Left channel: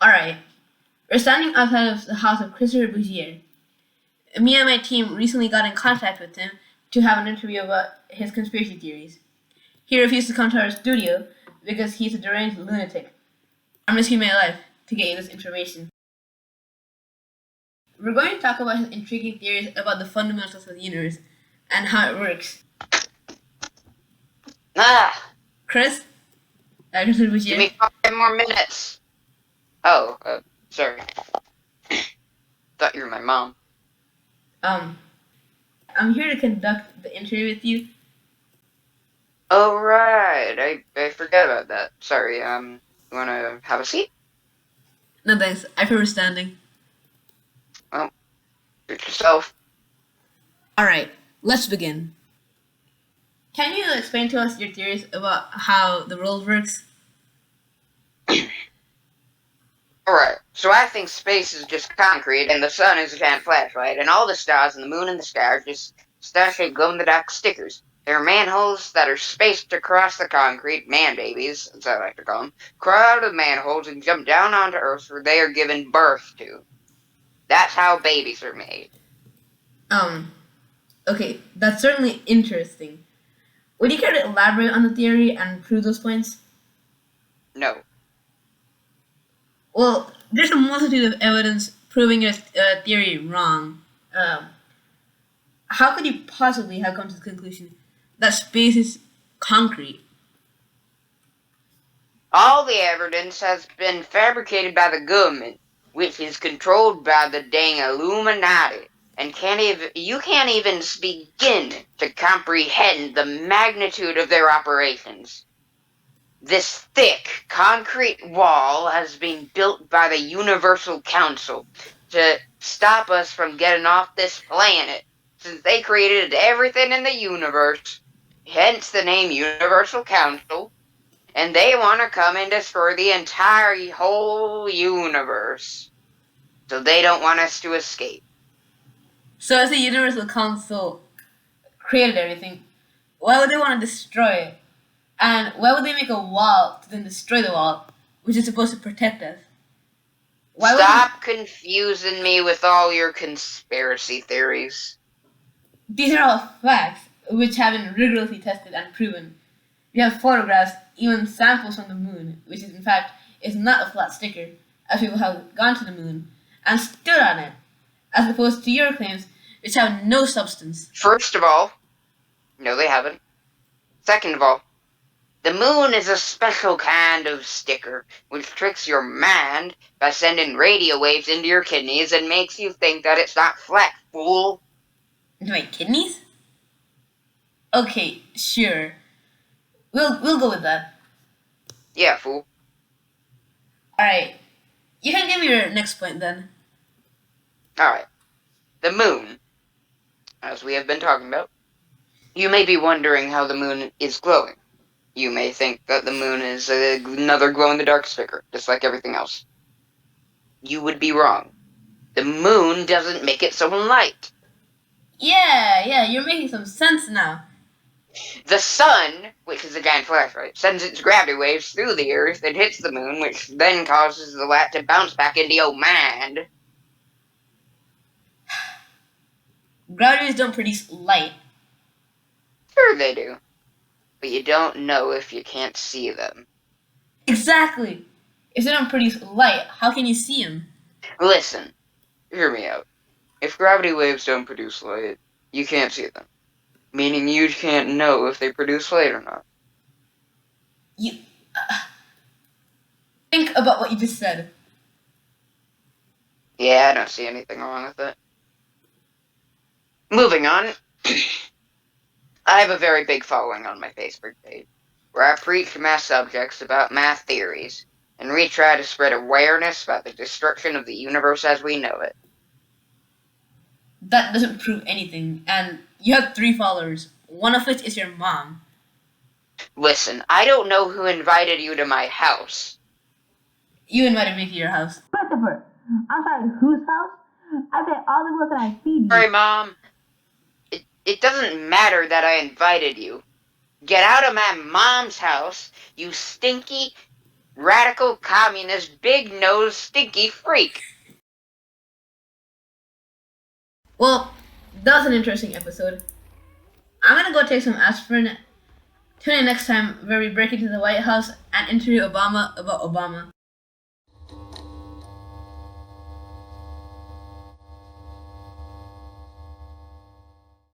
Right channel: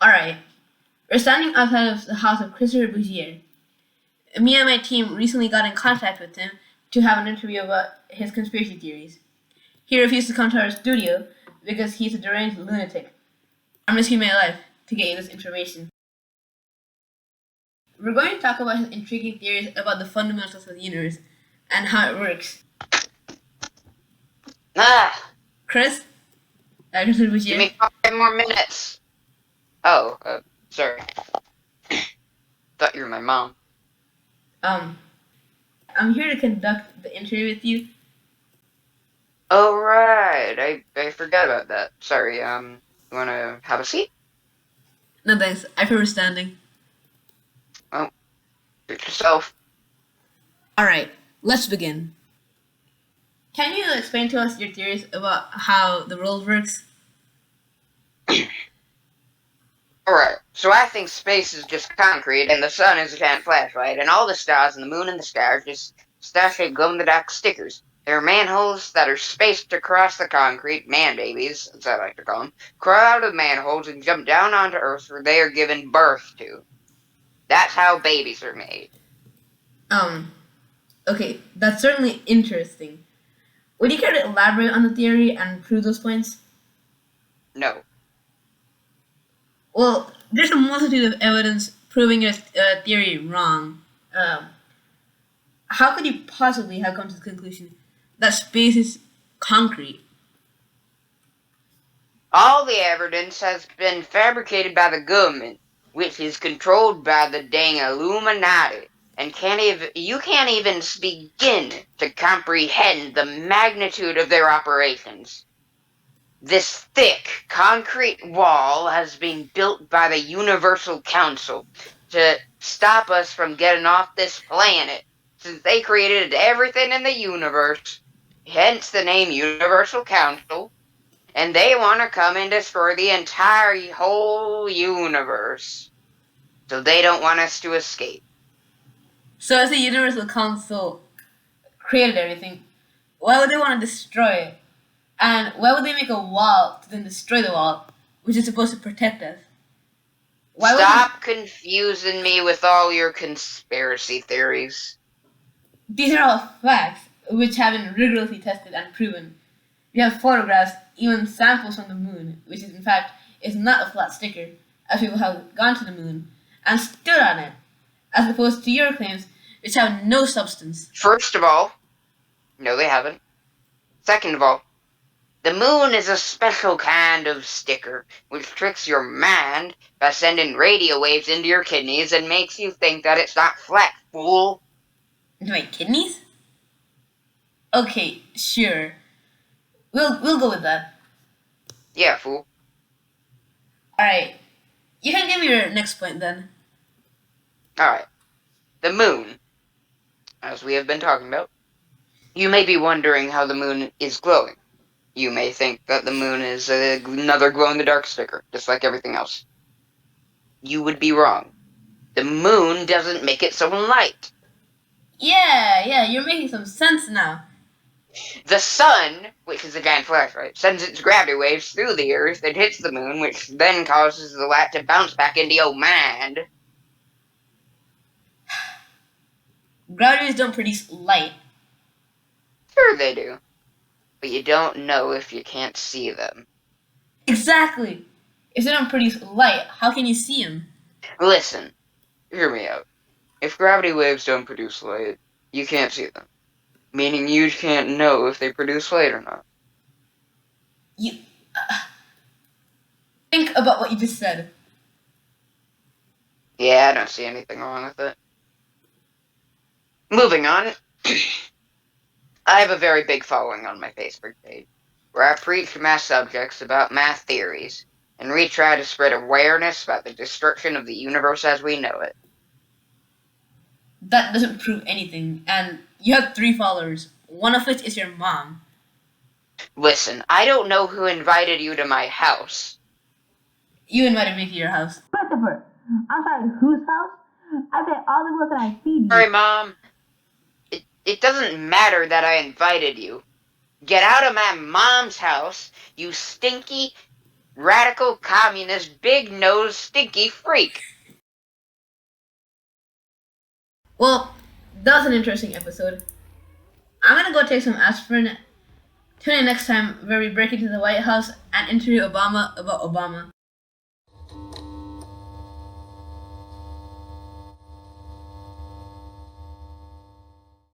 Alright, we're standing outside of the house of Christopher Bougier. Me and my team recently got in contact with him to have an interview about his conspiracy theories. He refused to come to our studio because he's a deranged lunatic. I'm risking my life to get you this information. We're going to talk about his intriguing theories about the fundamentals of the universe and how it works. Ah, Chris? Christopher give Bougier? me 5 more minutes. Oh, sorry. Thought you were my mom. I'm here to conduct the interview with you. Oh, right. I forgot about that. Sorry, you wanna have a seat? No thanks, I prefer standing. Oh, treat yourself. Alright, let's begin. Can you explain to us your theories about how the world works? Alright, so I think space is just concrete, and the sun is a giant flashlight, and all the stars and the moon and the sky are just star-shaped glow-in-the-dark stickers. There are manholes that are spaced across the concrete, man-babies, as I like to call them, crawl out of the manholes and jump down onto Earth where they are given birth to. That's how babies are made. Um, okay, that's certainly interesting. Would you care to elaborate on the theory and prove those points? No. Well, there's a multitude of evidence proving your theory wrong. How could you possibly have come to the conclusion that space is concrete? All the evidence has been fabricated by the government, which is controlled by the dang Illuminati, and you can't even begin to comprehend the magnitude of their operations. This thick concrete wall has been built by the Universal Council to stop us from getting off this planet, since they created everything in the universe, hence the name Universal Council, and they want to come and destroy the entire whole universe. So they don't want us to escape. So, as the Universal Council created everything, why would they want to destroy it? And why would they make a wall to then destroy the wall, which is supposed to protect us? Why would Stop confusing me with all your conspiracy theories. these are all facts which have been rigorously tested and proven. We have photographs, even samples from the moon, which is in fact is not a flat sticker, as people have gone to the moon and stood on it, as opposed to your claims, which have no substance. First of all, no, they haven't. Second of all, the moon is a special kind of sticker, which tricks your mind by sending radio waves into your kidneys and makes you think that it's not flat, fool. Into my kidneys? Okay, sure. We'll go with that. Yeah, fool. Alright. You can give me your next point then. Alright. The moon, as we have been talking about. You may be wondering how the moon is glowing. You may think that the moon is another glow-in-the-dark sticker, just like everything else. You would be wrong. The moon doesn't make its own light. Yeah, you're making some sense now. The sun, which is a giant flashlight, sends its gravity waves through the Earth and hits the moon, which then causes the light to bounce back into your mind. Gravity waves don't produce light. Sure they do. But you don't know if you can't see them. Exactly. If they don't produce light, how can you see them? Listen, hear me out. If gravity waves don't produce light, you can't see them. Meaning you can't know if they produce light or not. You think about what you just said. Yeah, I don't see anything wrong with it. Moving on. I have a very big following on my Facebook page, where I preach math subjects about math theories, and we try to spread awareness about the destruction of the universe as we know it. That doesn't prove anything, and you have 3 followers, one of which is your mom. Listen, I don't know who invited you to my house. You invited me to your house. Christopher, I'm sorry, whose house? I pay all the bills and I feed you. Sorry, Mom. It doesn't matter that I invited you. Get out of my mom's house, you stinky, radical communist big nose stinky freak. Well, that was an interesting episode. I'm gonna go take some aspirin. Tune in next time where we break into the White House and interview Obama about Obama.